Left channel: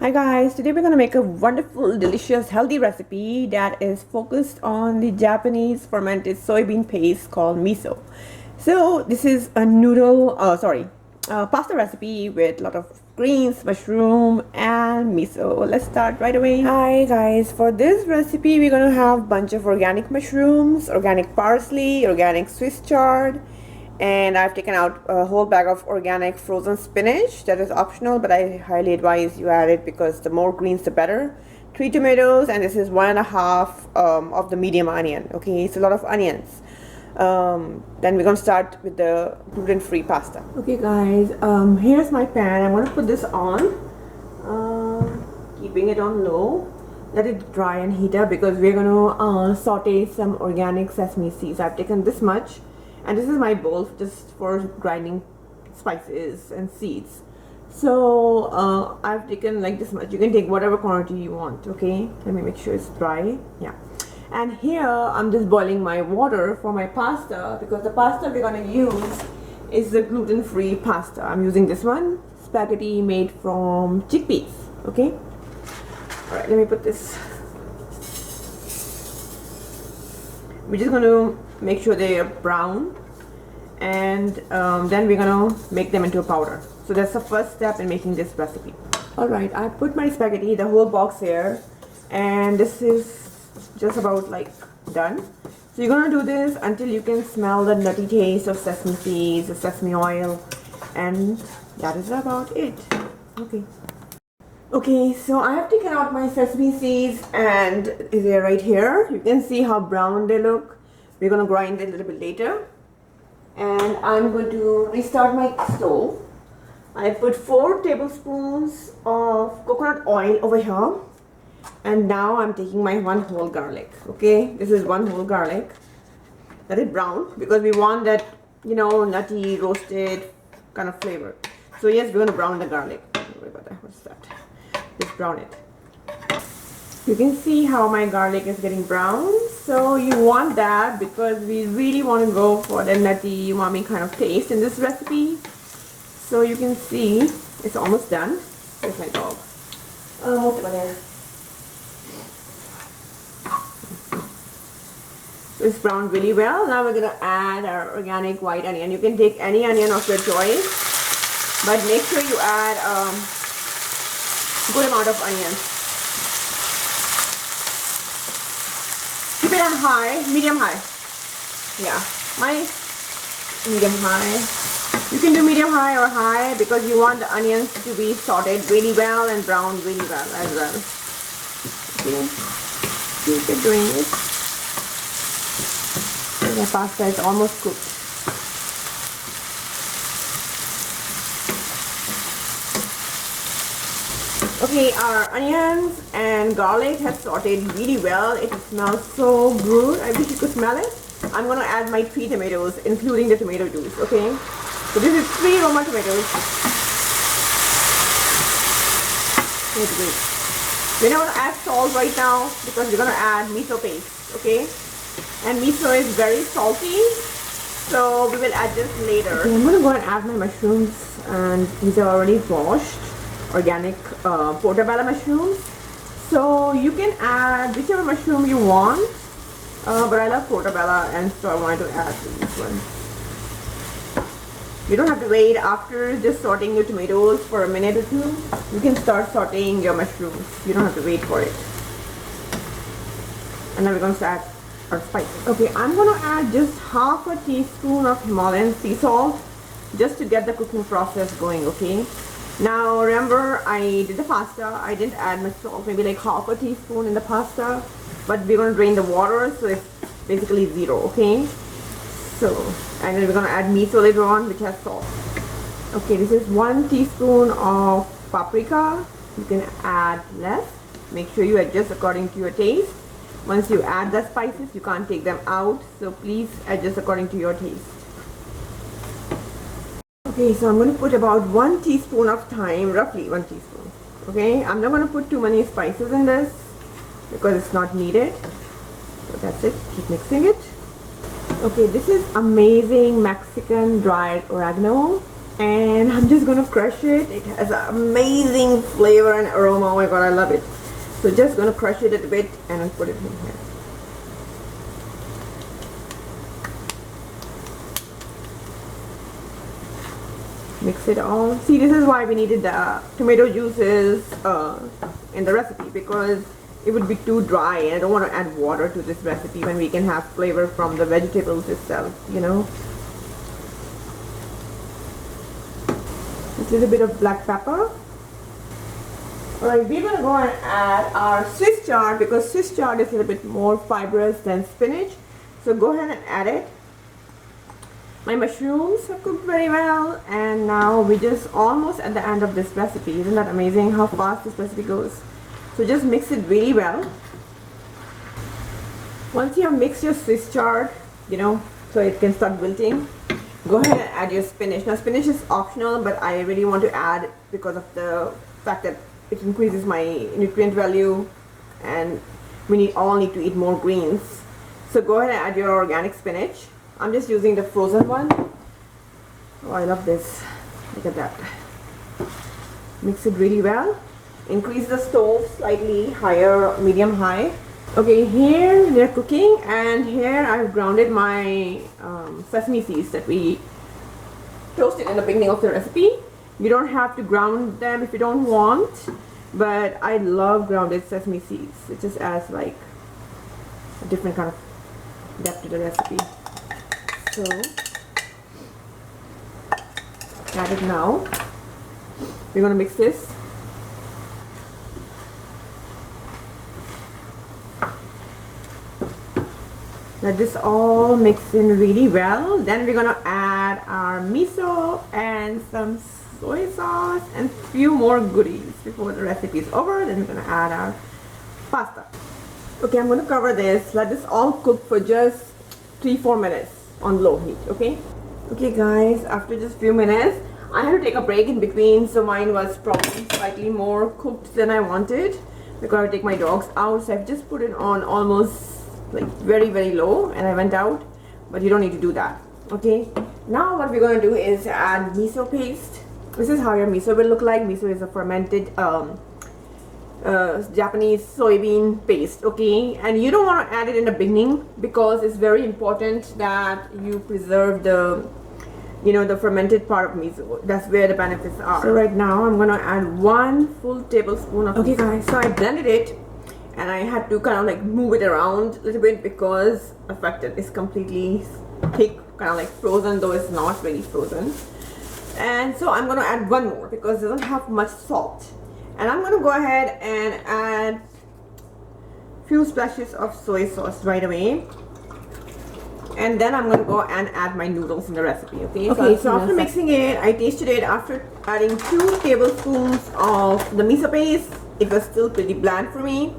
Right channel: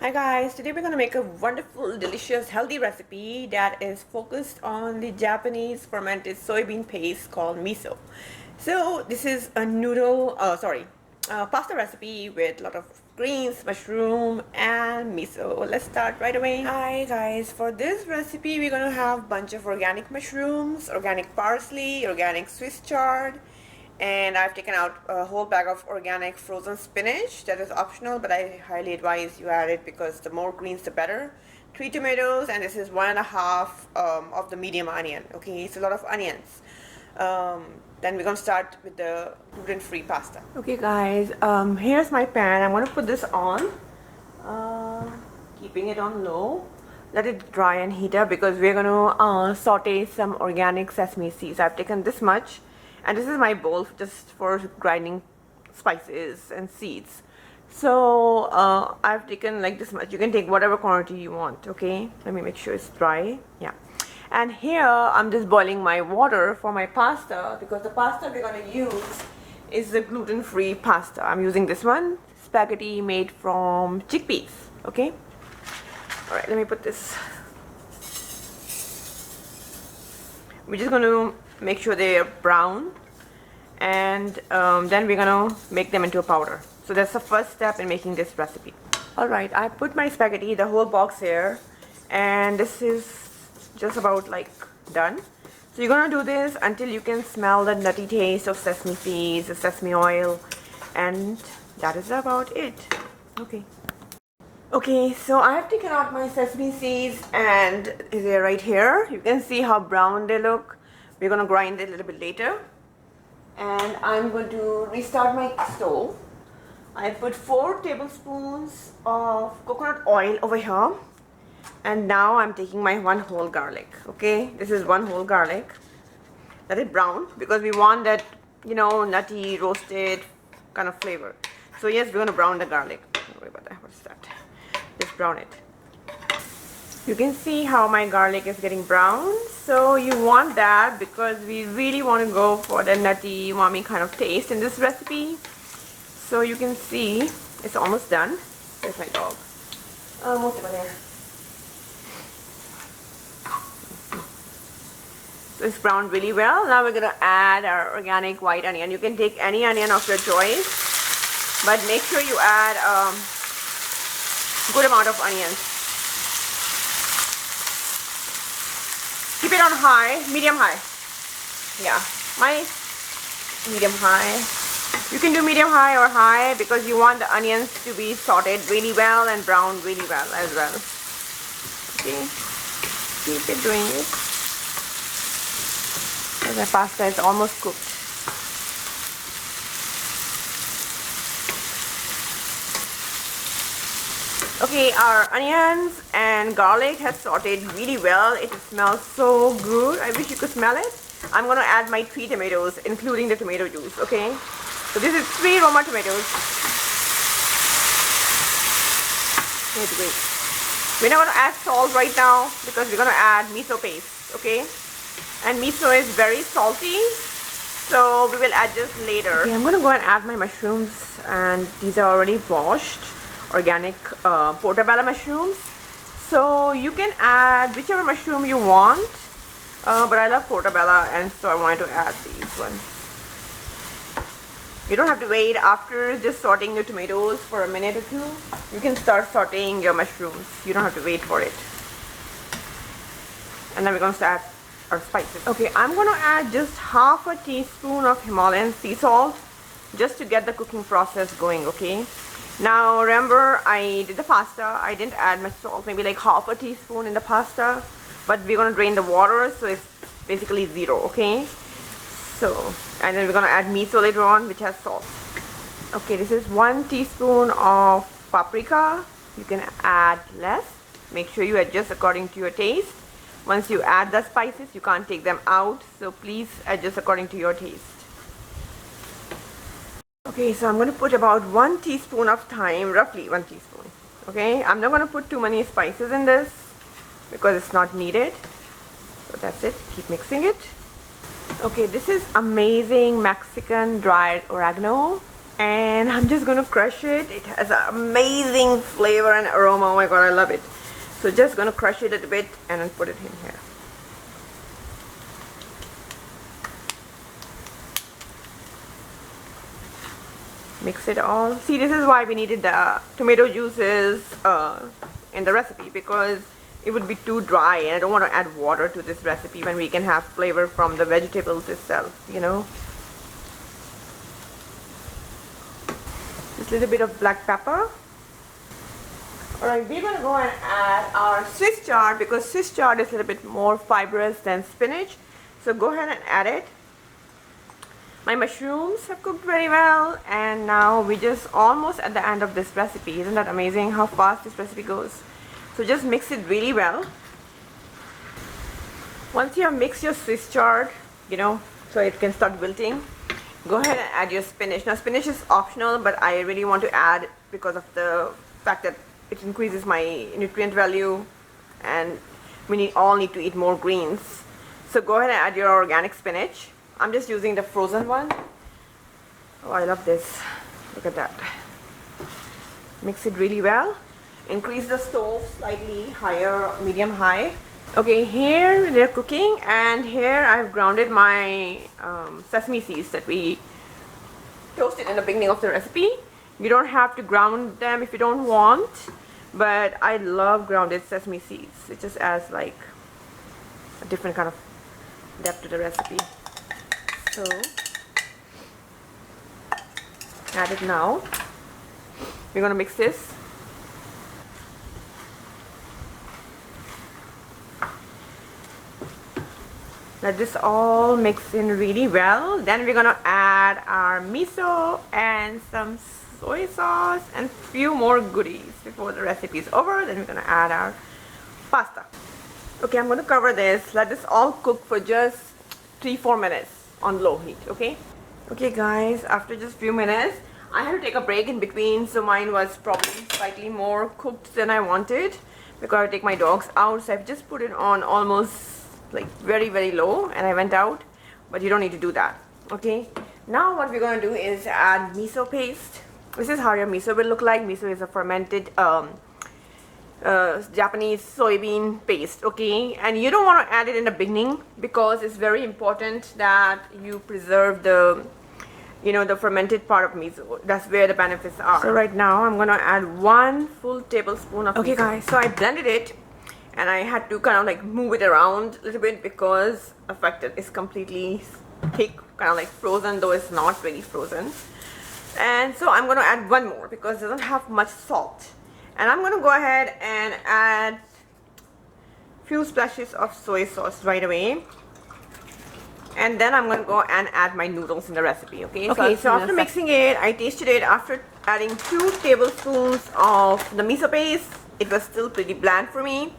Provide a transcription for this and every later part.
Hi guys, today we're gonna make a wonderful, delicious, healthy recipe that is focused on the Japanese fermented soybean paste called miso. So this is a pasta recipe with a lot of greens, mushroom, and miso. Let's start right away. Hi guys, for this recipe we're gonna have a bunch of organic mushrooms, organic parsley, organic Swiss chard, and I've taken out a whole bag of organic frozen spinach. That is optional, but I highly advise you add it because the more greens the better. 3 tomatoes, and this is 1.5 of the medium onion. Okay, it's a lot of onions. Then we're gonna start with the gluten-free pasta. Okay guys, here's my pan. I'm gonna put this on, keeping it on low. Let it dry and heat up because we're gonna saute some organic sesame seeds. I've taken this much, and this is my bowl just for grinding spices and seeds. So I've taken like this much. You can take whatever quantity you want. Okay, let me make sure it's dry. Yeah. And here I'm just boiling my water for my pasta because the pasta we're gonna use is the gluten-free pasta. I'm using this one, spaghetti made from chickpeas. Okay. All right, let me put this. We're just going to make sure they are brown, and then we're going to make them into a powder. So that's the first step in making this recipe. All right, I put my spaghetti, the whole box here, and this is just about like done. So you're going to do this until you can smell the nutty taste of sesame seeds, the sesame oil, and that is about it. Okay, so I have taken out my sesame seeds and they're right here. You can see how brown they look. We're going to grind it a little bit later. And I'm going to restart my stove. I put 4 tablespoons of coconut oil over here. And now I'm taking my 1 whole garlic. Okay, this is 1 whole garlic. Let it brown because we want that, nutty, roasted kind of flavor. So yes, we're going to brown the garlic. Don't worry about that. What's that? Just brown it. You can see how my garlic is getting brown. So you want that because we really want to go for the nutty, umami kind of taste in this recipe. So you can see it's almost done. There's my dog. Almost there. So it's browned really well. Now we're going to add our organic white onion. You can take any onion of your choice, but make sure you add good amount of onions. Keep it on high, medium high. Yeah, my medium high. You can do medium high or high because you want the onions to be sauteed really well and browned really well as well. Okay, keep it doing it. The pasta is almost cooked. Okay, our onions and garlic has sauteed really well. It smells so good. I wish you could smell it. I'm going to add my 3 tomatoes, including the tomato juice, okay? So this is 3 Roma tomatoes. Wait. We're not going to add salt right now because we're going to add miso paste, okay? And miso is very salty, so we will add this later. Okay, I'm going to go and add my mushrooms, and these are already washed. Organic portabella mushrooms. So you can add whichever mushroom you want, but I love portabella, and so I wanted to add these ones. You don't have to wait after just sauteing your tomatoes for a minute or 2. You can start sauteing your mushrooms. You don't have to wait for it. And then we're going to add our spices. Okay, I'm going to add just half a teaspoon of Himalayan sea salt just to get the cooking process going, okay? Now remember, I did the pasta. I didn't add much salt, maybe like half a teaspoon in the pasta, but we're going to drain the water, so it's basically 0, okay? So, and then we're going to add miso later on, which has salt. Okay, this is 1 teaspoon of paprika. You can add less. Make sure you adjust according to your taste. Once you add the spices, you can't take them out, so please adjust according to your taste. Okay, so I'm going to put about 1 teaspoon of thyme, roughly 1 teaspoon. Okay, I'm not going to put too many spices in this because it's not needed. So that's it. Keep mixing it. Okay, this is amazing Mexican dried oregano. and I'm just gonna crush it. It has an amazing flavor and aroma. Oh my god, I love it. So just gonna crush it a bit and then put it in here. Mix it all. See, this is why we needed the tomato juices in the recipe, because it would be too dry and I don't want to add water to this recipe when we can have flavor from the vegetables itself, you know. Just a little bit of black pepper. Alright, we're gonna go and add our Swiss chard, because Swiss chard is a little bit more fibrous than spinach. So go ahead and add it. My mushrooms have cooked very well, and now we're just almost at the end of this recipe. Isn't that amazing how fast this recipe goes? So just mix it really well. Once you have mixed your Swiss chard, you know, so it can start wilting, go ahead and add your spinach. Now spinach is optional, but I really want to add because of the fact that it increases my nutrient value, and we all need to eat more greens. So go ahead and add your organic spinach. I'm just using the frozen one. Oh, I love this. Look at that. Mix it really well. Increase the stove slightly higher, medium high. Okay, here they're cooking, and here I've grounded my sesame seeds that we toasted in the beginning of the recipe. You don't have to ground them if you don't want, but I love grounded sesame seeds. It just adds like a different kind of depth to the recipe. So add it now. We're gonna mix this. Let this all mix in really well. Then we're gonna add our miso and some soy sauce and few more goodies before the recipe is over. Then we're gonna add our pasta. Okay, I'm gonna cover this. Let this all cook for just 3-4 minutes on low heat. Okay guys, after just few minutes, I had to take a break in between, so mine was probably slightly more cooked than I wanted because I take my dogs out. So I've just put it on almost like very low and I went out, but you don't need to do that. Okay, now what we're going to do is add miso paste. This is how your miso will look like. Miso is a fermented Japanese soybean paste. Okay, and you don't want to add it in the beginning because it's very important that you preserve the, you know, the fermented part of miso. That's where the benefits are. So right now I'm gonna add 1 full tablespoon of miso. Okay guys, so I blended it and I had to kind of like move it around a little bit because the fact that it's completely thick, kind of like frozen, though it's not really frozen. And so I'm gonna add 1 more because it doesn't have much salt. And I'm gonna go ahead and add few splashes of soy sauce right away. And then I'm gonna go and add my noodles in the recipe. Okay, so after mixing it, I tasted it. After adding 2 tablespoons of the miso paste, it was still pretty bland for me.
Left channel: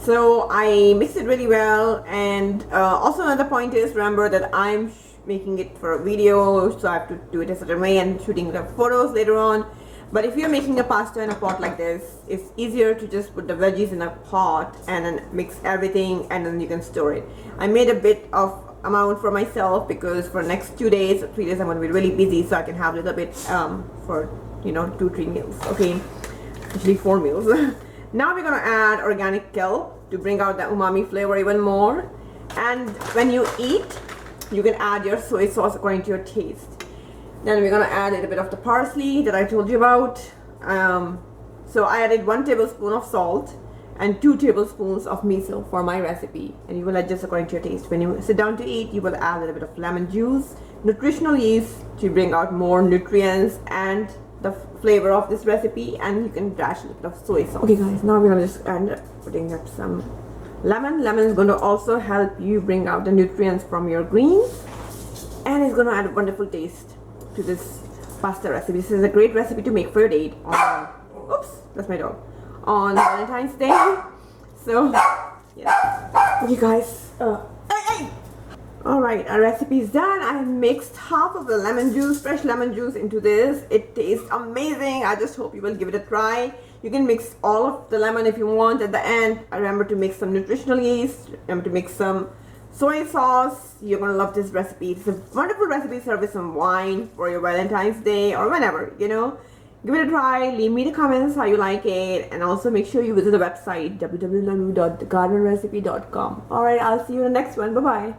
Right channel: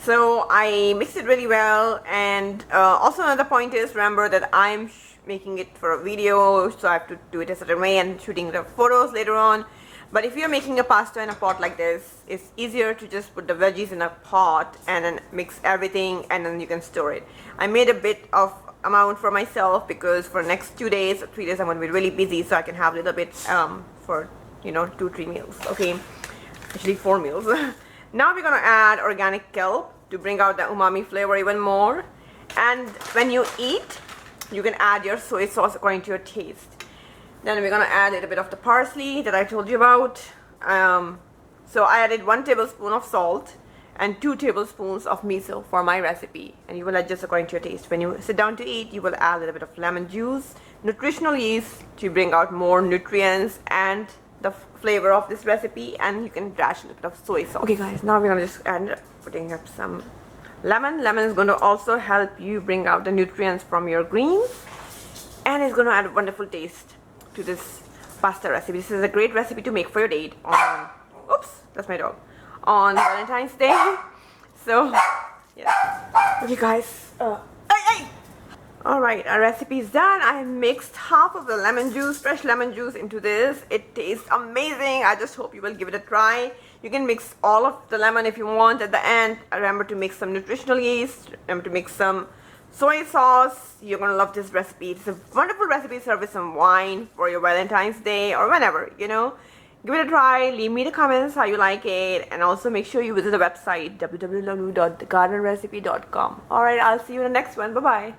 So I mixed it really well. And also another point is, remember that I'm making it for a video, so I have to do it a certain way and shooting the photos later on. But if you're making a pasta in a pot like this, it's easier to just put the veggies in a pot and then mix everything and then you can store it. I made a bit of amount for myself because for next 2 days or 3 days I'm going to be really busy, so I can have a little bit for, you know, 2-3 meals. Okay, actually 4 meals. Now we're going to add organic kelp to bring out the umami flavor even more. And when you eat, you can add your soy sauce according to your taste. Then we're gonna add a little bit of the parsley that I told you about. So I added 1 tablespoon of salt and 2 tablespoons of miso for my recipe. And you will adjust according to your taste. When you sit down to eat, you will add a little bit of lemon juice, nutritional yeast to bring out more nutrients and the flavor of this recipe. And you can dash a little bit of soy sauce. Okay guys, now we're gonna just end up putting up some lemon. Lemon is going to also help you bring out the nutrients from your greens. And it's going to add a wonderful taste to this pasta recipe. This is a great recipe to make for your date on, oops, that's my dog, on Valentine's Day. So yeah, okay guys, alright, our recipe is done. I have mixed half of the lemon juice, fresh lemon juice, into this. It tastes amazing. I just hope you will give it a try. You can mix all of the lemon if you want at the end. Remember to mix some nutritional yeast, remember to mix some soy sauce. You're gonna love this recipe. It's a wonderful recipe. Serve with some wine for your Valentine's Day or whenever, you know. Give it a try. Leave me the comments how you like it, and also make sure you visit the website www.thegardenrecipe.com. All right, I'll see you in the next one. Bye bye.